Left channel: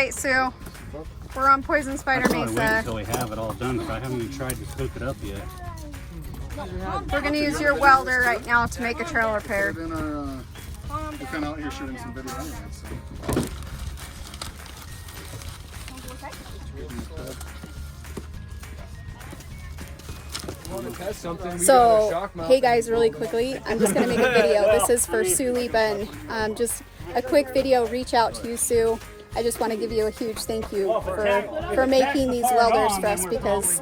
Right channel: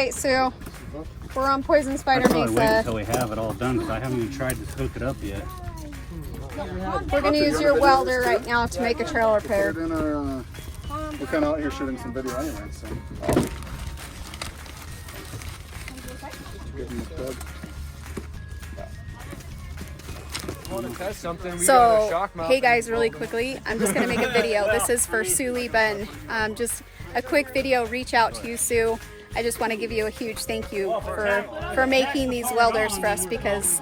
right, Sue. We're on Poison Spider I'll probably wait Mesa. until we have it all done because I haven't even tried to hook it up yet. We're going to use your welder right now to make a trail repair. We're kind of out here shooting some video anyway, so. So, hey guys, really quickly, I'm just going to make a video. This is for Sue Lee Bunn. Just a quick video, reach out to you, Sue. I just want to give you a huge thank you for making these welders for us, because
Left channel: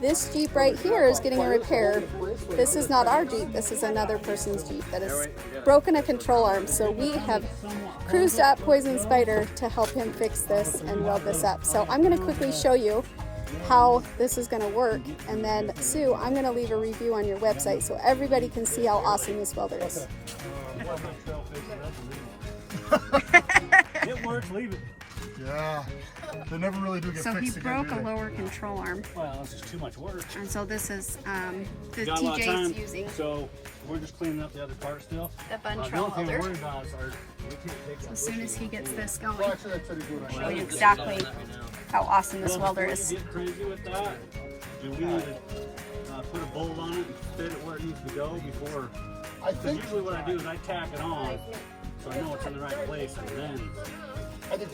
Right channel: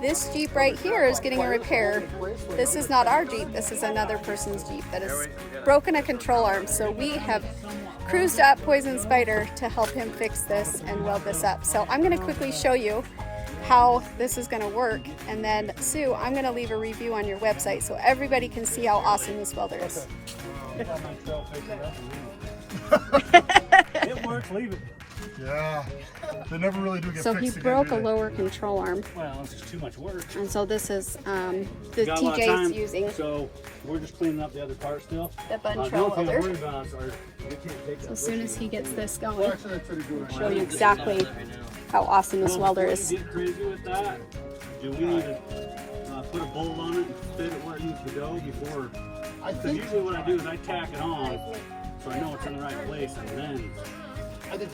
this Jeep right here is getting a repair. This is not our Jeep, this is another person's Jeep that has broken a control arm. So we have cruised up Poison Spider to help him fix this and weld this up. So I'm going to quickly show you how this is going to work, and then Sue, I'm going to leave a review on your website so everybody can see how awesome this welder is. It works, leave it. Yeah, they never really do get So he fixed again, broke do a they? lower control arm, Well, it's just too much work. and so this is the Got a lot of time, TJ's using so we're just cleaning up the other part still. the Bunn The trail only thing I'm welder. worried about is we can't take So as soon as he gets this going, Well, actually, I tried to do it. show you exactly how awesome this welder is. Get crazy with that. Do we need to put a bolt on it and fit it where it needs to go before? I think Usually what I do is I tack it on so I know it's in the right place, and then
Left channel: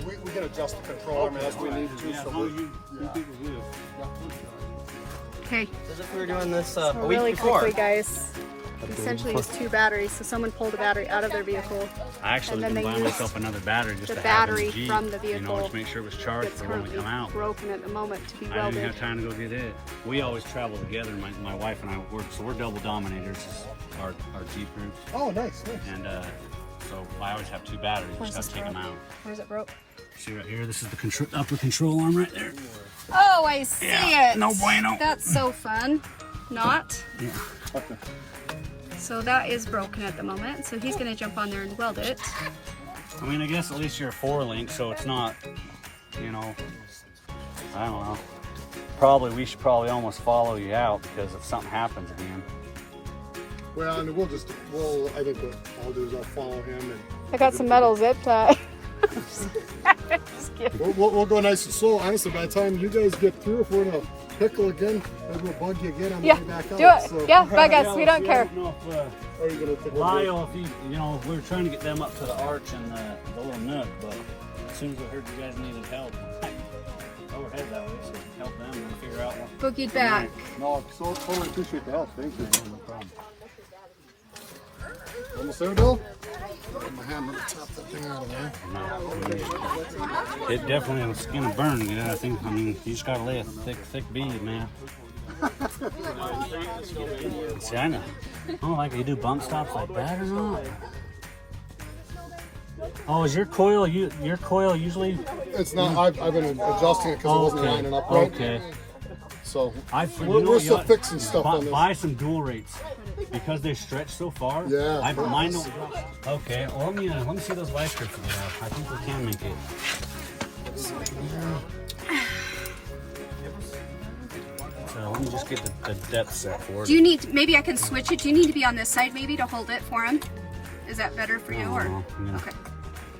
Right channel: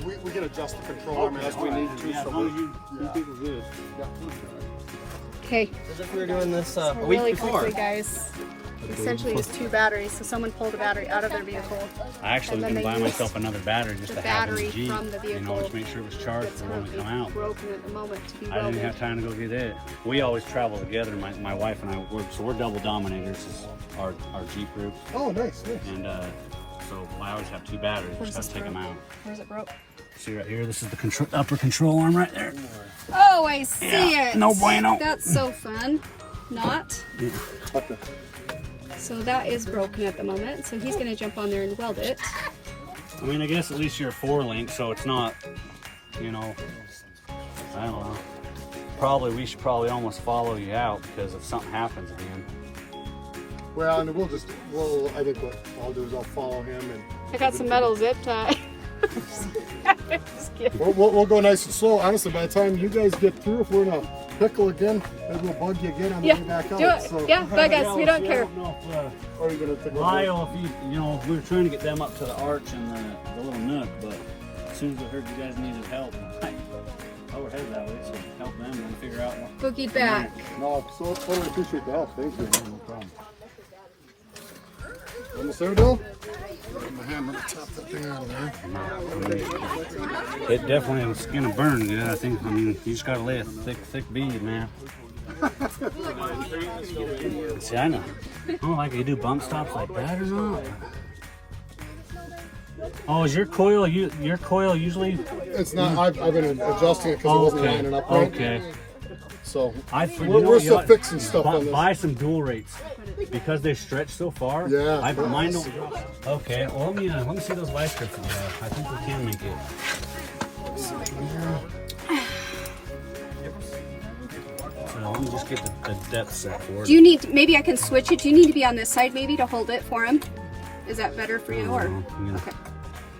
we can adjust the control arm as we need to. Yeah, as So long as you people do. Okay, As if we were doing this a week really before. quickly, guys. Essentially, it's 2 batteries. So someone pulled a battery out of their vehicle. I actually was And then going to buy they myself another battery just the to have in the battery Jeep, from the you know, vehicle. to make sure it was charged It's for when we currently come out. broken at the moment to be I didn't welded. have time to go get it. We always travel together. My wife and I work, so we're double dominators. Is our Jeep group, Oh, nice, nice. and so I always have 2 batteries. Where's Just this gotta take them broke? out. Where's it broke? See right here. This is the upper control arm right there. Oh, I see it. No bueno. That's so fun. Not. Yeah. Okay. So that is broken at the moment. So he's going to jump on there and weld it. I mean, I guess at least you're a 4-link, so it's not, you know, I don't know. We should probably almost follow you out, because if something happens, I mean. Well, and I think what I'll do is I'll follow him, and I got some metal zip tie. we'll go nice and slow. Honestly, by the time you guys get through, if we're in a pickle again, maybe we'll bug you again on the way back out. Do it. So, Yeah, bug us. We don't care. Or are you gonna take a Lyle, if you know, we were trying to get them up to the arch and the little nook, but as soon as we heard you guys needed help, I would head that way to help them and figure out what. Boogie back. No, so totally appreciate the help. Thank you. No problem. Almost there, Bill? Put my hand on the top of that thing out of there. It definitely is gonna burn. Yeah, I mean, you just gotta lay a thick bead, man. See, I know. I don't like you do bump stops like that or not. Oh, is your coil usually? It's not. I've been adjusting it because it wasn't lining up right. Okay. So We're we're still fixing stuff on this. Buy some dual rates because they stretch so far. Yeah. Mine don't. Okay. Well, let me see those vice grips you have. I think we can make it. So let me just get the depth set for it. Do you need, maybe I can switch it. Do you need to be on this side maybe to hold it for him? Is that better for you? Or Yeah. okay.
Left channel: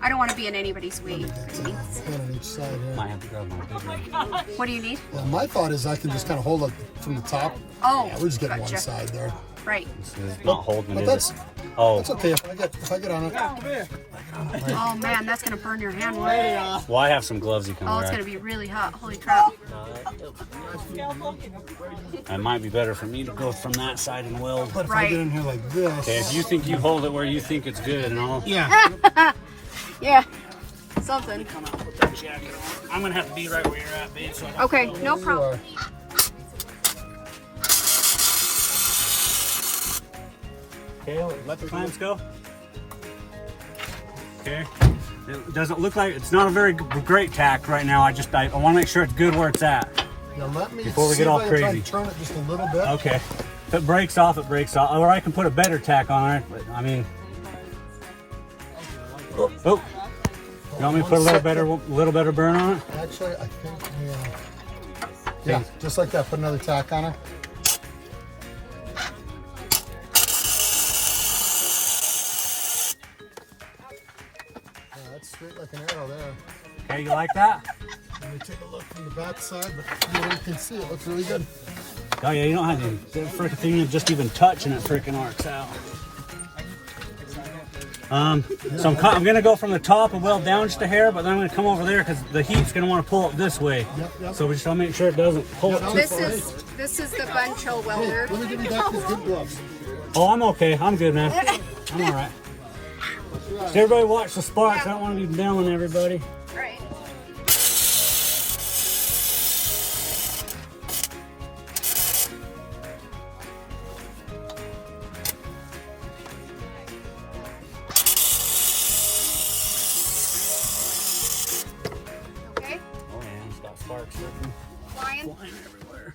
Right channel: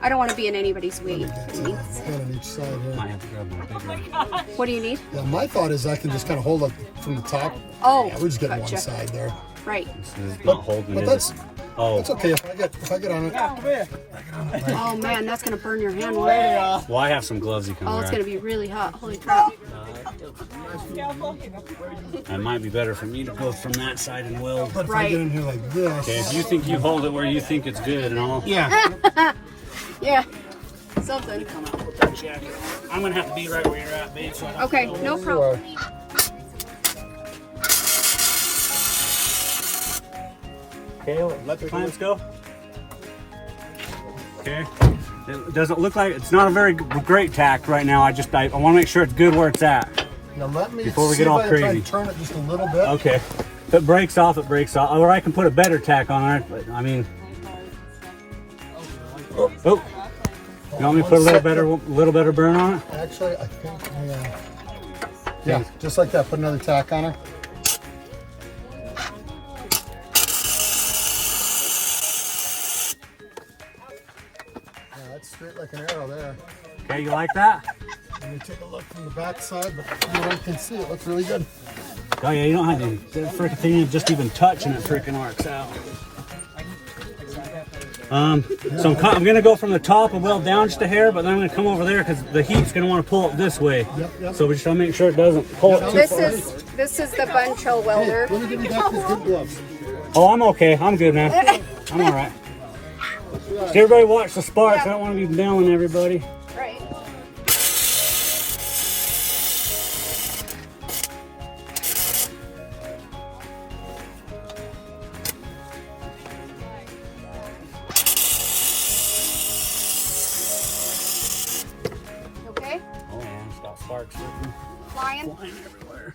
I don't want to be in anybody's way. Christine. One on each side here. Might have to grab my big one. What do you need? Yeah, my thought is I can just kind of hold it from the top. Oh, Yeah, we're just getting gotcha. one side there. Right. This is not holding But it. that's Oh, okay if I get on it. Oh man, that's gonna burn your hand. Oh, well, I have some gloves you can it's wear. gonna be really hot. Holy crap. It might be better for me to go from that side and weld. But if I get in here like this, Okay, if you think you hold it where you think it's good and all. yeah, Yeah. Something. Come out, put that jacket on. I'm gonna have to be right where you're at, babe. So I don't Okay, no problem. Okay, let the clamps go. Okay. It doesn't look like it's not a very great tack right now. I want to make sure it's good where it's at. now let me Before we see get all if I can try crazy. and turn it just a little bit. Okay. If it breaks off, it breaks off. Or I can put a better tack on it. But I mean, oh, you want me to put a little better burn on it? Actually, I think yeah, just like that. Put another tack on her. Yeah, that's straight like an arrow there. Okay, you like that? Let me take a look from the back side, but no one can see. It looks really good. Oh yeah, you don't have to. The freaking thing just even touching it freaking arcs out. So I'm gonna go from the top and weld down just a hair, but then I'm gonna come over there because the heat's gonna want to pull it this way. Yep. So we just want to make sure it doesn't pull it too This is the Buncho welder. Let me give you back these good gloves. Oh, I'm okay. I'm good, man. I'm all right. Just everybody watch the sparks. I don't want to be nailing everybody. Right. Okay. Oh yeah, it's got sparks Flying. flying everywhere.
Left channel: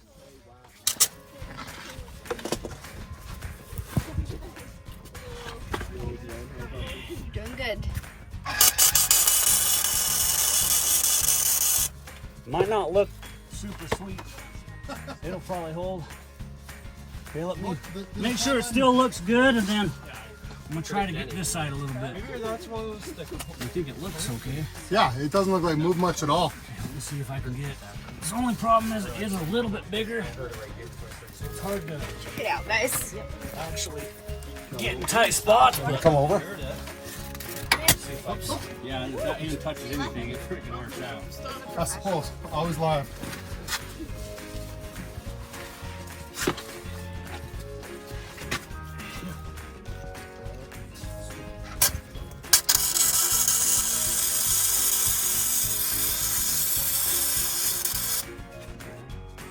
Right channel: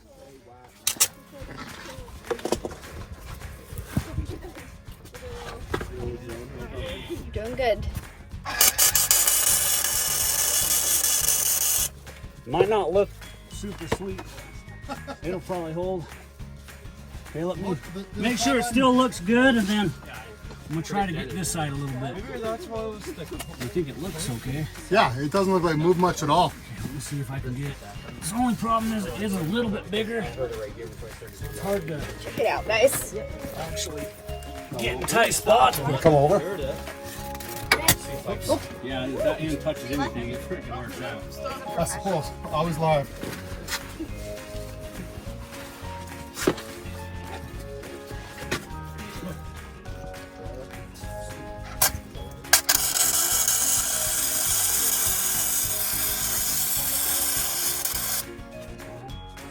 Doing good. Might not look super sweet. It'll probably hold. Okay, let me make sure it still looks good, and then I'm gonna try to get this side a little bit. I think it looks okay. Yeah, it doesn't look like move much at all. Let me see if I can get it. The only problem is it is a little bit bigger. It's hard to Check it out, guys. actually get in tight spots. Come over. Yeah, if that end touches anything, it freaking arcs out. That's close. Always live.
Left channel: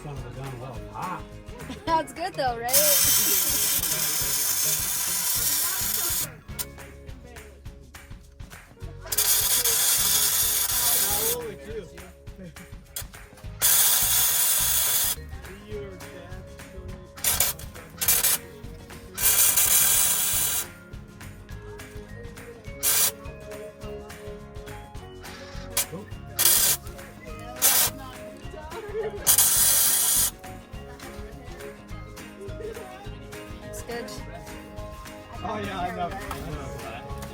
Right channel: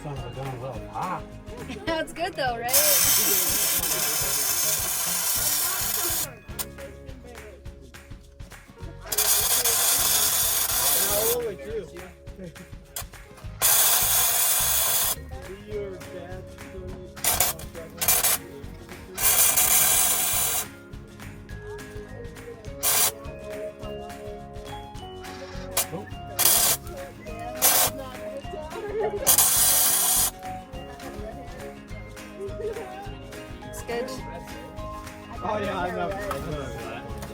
Son of a gun, well, hot. That's good though, right? It's good. Oh yeah, I know.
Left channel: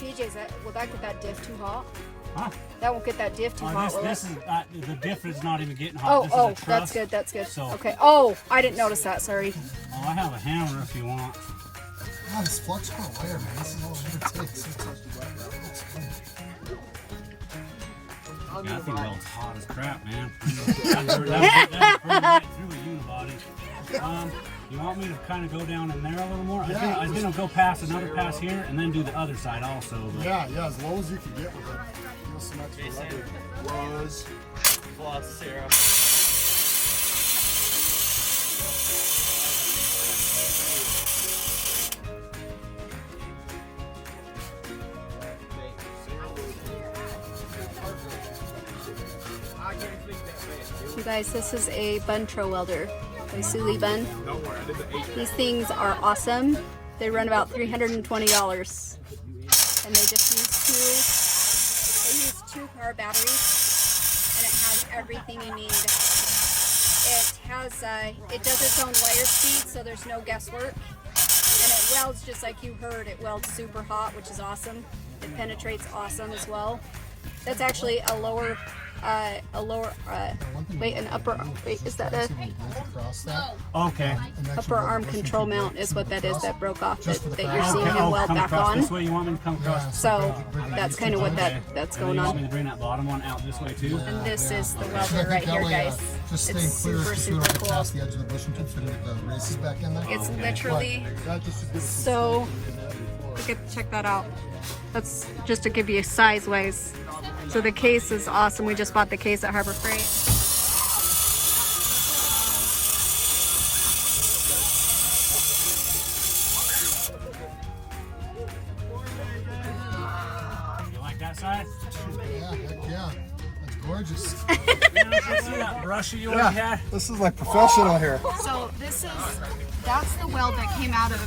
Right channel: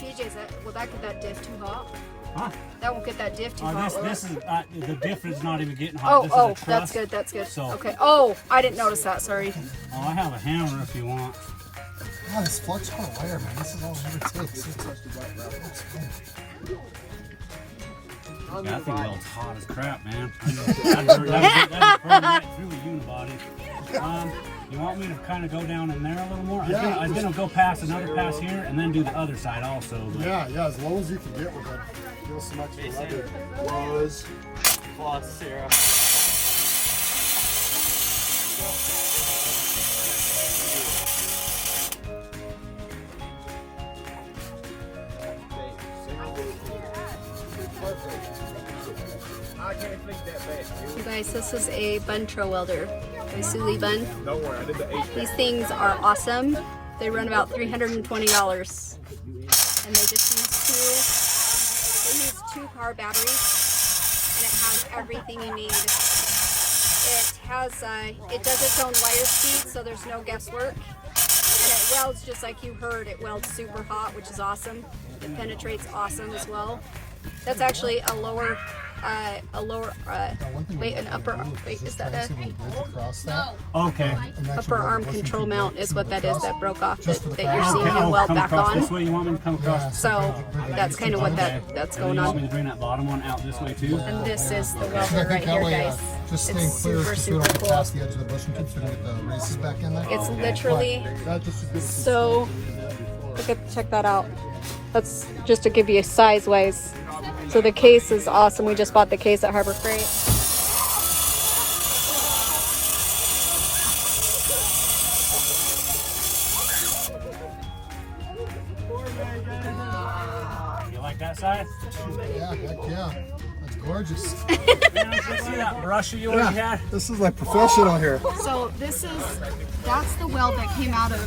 PJ's will that get that diff too hot? Huh? That won't get that diff too hot. This is the diff is not even getting hot. Oh, This oh, is a truss. that's good. That's good. So- Okay. Oh, I didn't notice that. Sorry. Oh, I have a hammer if you want. Oh, this flux core layer, man. This is all it takes. Yeah, I think weld's hot as crap, man. That's burning right through a unibody. You want me to kind of go down in there a little more? Yeah, I was gonna go past another pass here and then do the other side also. But Yeah, as low as you can get with it. Give us some extra rubber. Rose. Oh, Sarah. You guys, this is a Buncho welder, a Suli bun. These things are awesome. They run about $320, and they just use two car batteries, and it has everything you need. It does its own wire speed, so there's no guesswork, and it welds just like you heard. It welds super hot, which is awesome. It penetrates awesome as well. That's actually an upper, is that okay. upper arm control mount is what that is that broke off that you're seeing Okay, him weld come back across this on. way. You want me to come across? So that's kind of what that's And then going you want me on. to bring that bottom one out this way too? And this is the welder I right think that here, way, guys. just It's staying clear, super, just so we don't super get past cool. the edge of the bush and keep the races back in there. It's literally That just gives us so, check that out. That's just to give you a size wise. So the case is awesome. We just bought the case at Harbor Freight. You like that size? Yeah, heck yeah. That's gorgeous. Man, I can see that brush you already had. This is like professional here. So that's the weld that came out of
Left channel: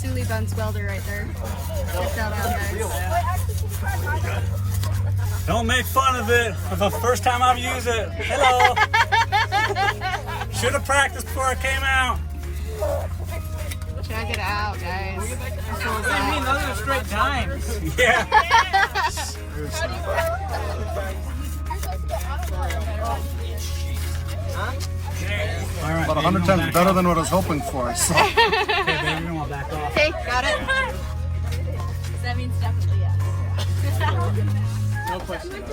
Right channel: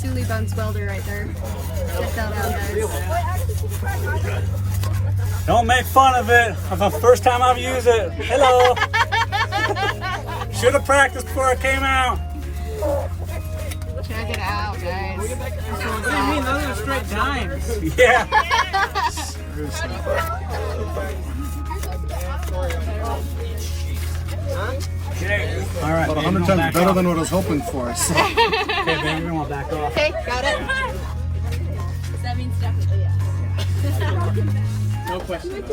Sully Bun's welder right there. Check that out, guys. Don't make fun of it. The first time I've used it. Hello. Should have practiced before I came out. Check it out, guys. What do you mean? Those are straight times. Yeah. All right. About baby, 100 we're gonna times back better off. than what I was hoping for. So. Okay, baby, we're gonna back off. Okay, got it. That means definitely yeah. No question.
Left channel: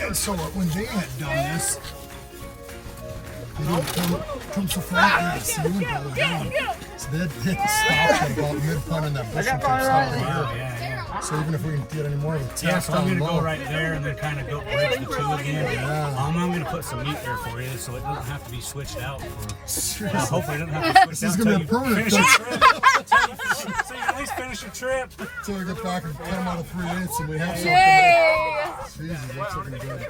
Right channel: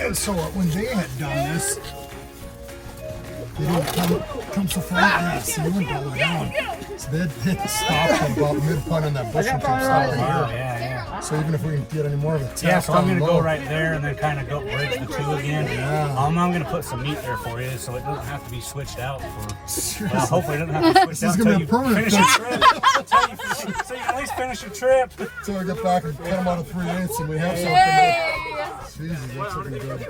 And so when they had done this, they didn't come so far. Yeah, so they went all the way down. So they stopped at about mid-point on that bush and kept stopping Oh, here. yeah. So even if we can get any more of it, Yeah, so I'm down gonna low. go right there and then kind of go bridge the two again. Yeah. I'm gonna put some meat there for you, so it doesn't have to be switched out for. Well, hopefully it doesn't have to be switched This is out gonna until be you a permanent finish your trip. So you can at least finish your trip. So we get back and cut them out of 3/8 and we have something. Jesus, that's looking good.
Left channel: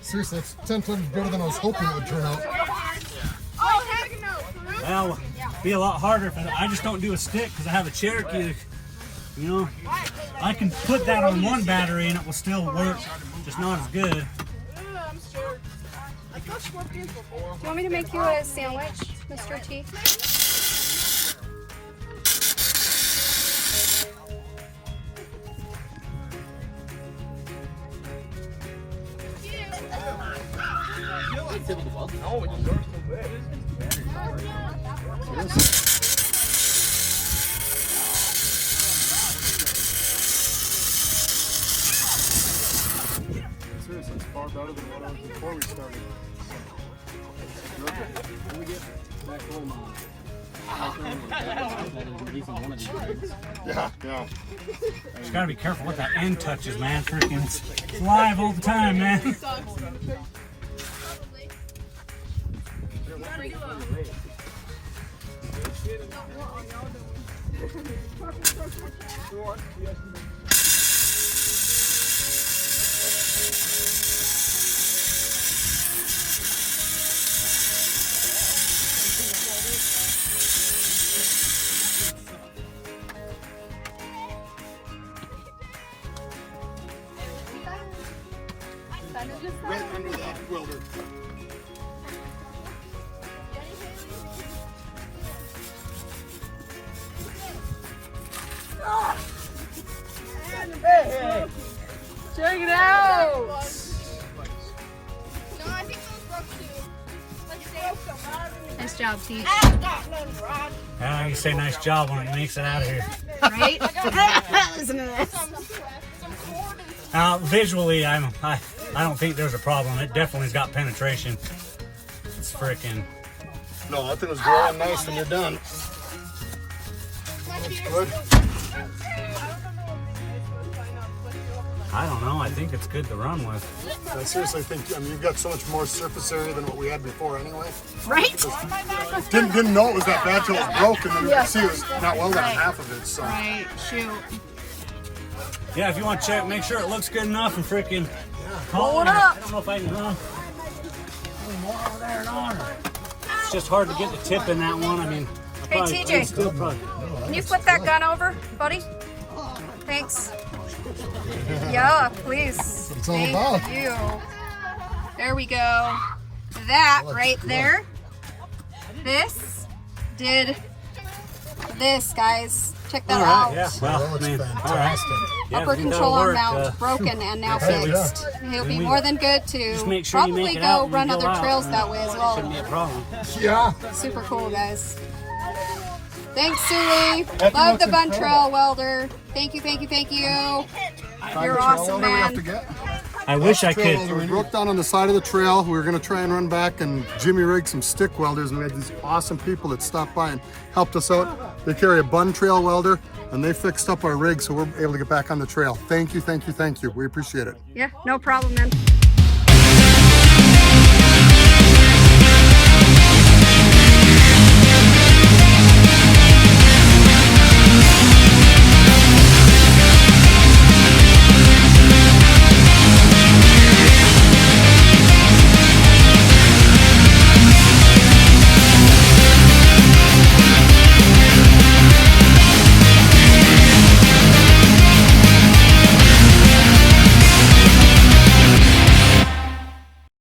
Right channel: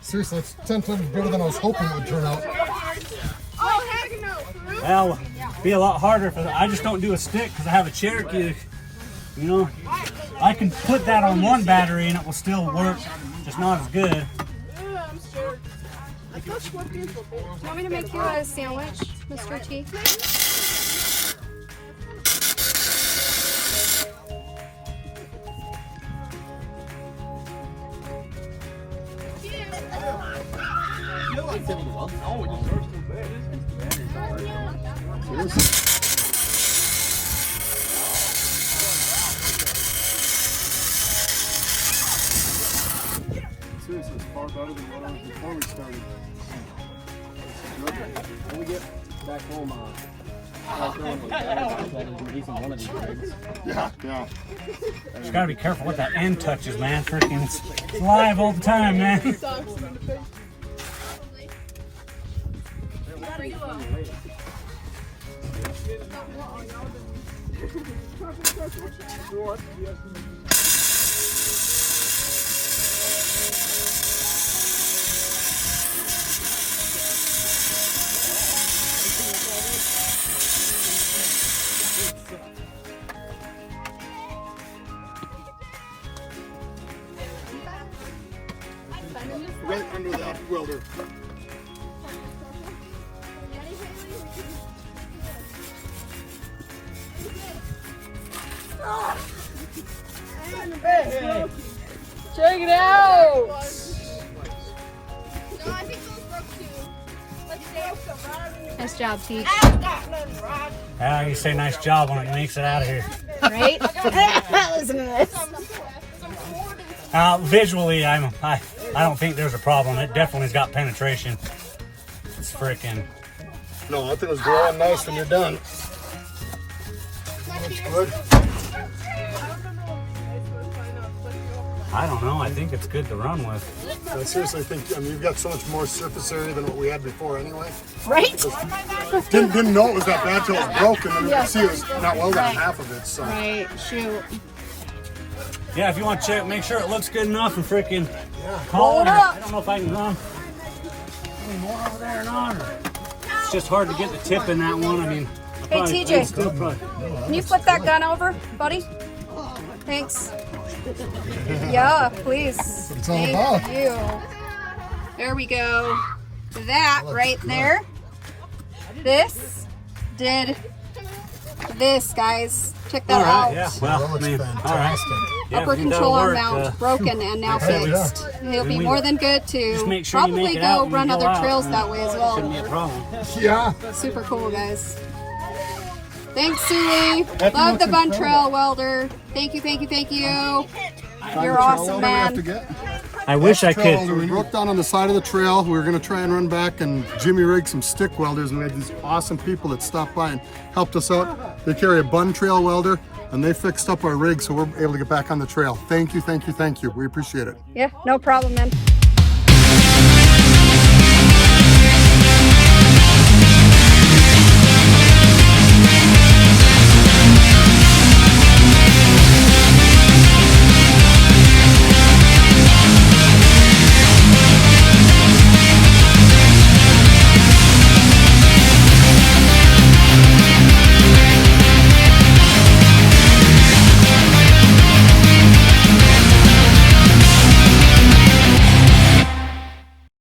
Seriously, it's 10 times better than I was hoping it would turn out. Well, it'd be a lot harder if I just don't do a stick because I have a Cherokee. You know, I can put that on one battery and it will still work, just not as good. Do you want me to make you a sandwich, Mr. T? Seriously, it's far better than what I was before we started. When we get back home, that isn't even one of these things. Yeah. Just gotta be careful what that end touches, man. Freaking, it's live all the time, man. Right under that welder. Check it out! Nice job, T. Yeah, you say nice job when it makes it out of here. Right? Isn't it? Visually, I don't think there's a problem. It definitely's got penetration. It's freaking. No, I think it's growing nice when you're done. That's good. I don't know. I think it's good to run with. I seriously think, I mean, you've got so much more surface area than what we had before anyway. Right? Didn't know it was that bad till it was broken, and you can see it was not welded on half of it, so. Right, shoot. Yeah, if you want to check, make sure it looks good enough and freaking call it. I don't know if I can run any more over there or not. It's just hard to get the tip in that one. I mean, Hey, TJ. still probably. Can you flip that gun over, buddy? Thanks. Yeah, please. It's all Thank about. you. There we go. That right there. This did this, guys. Check that All right, out. yeah. Well, That I looks mean, all right. fantastic. Yeah, Upper if you think that'll controller work, mount broken and now said we fixed. He'll be more than good to just make sure you probably make it go out when run you go other out, trails and that way as shouldn't be a well. problem. Yeah. Super cool, guys. Thanks, Suey. Love the bun trail welder. Thank you, thank you, thank you. You're awesome, man. I wish I could. So we broke down on the side of the trail. We were going to try and run back and Jimmy rigged some stick welders, and we had these awesome people that stopped by and helped us out. They carry a bun trail welder and they fixed up our rig so we're able to get back on the trail. Thank you, thank you, thank you. We appreciate it. Yeah, no problem, man.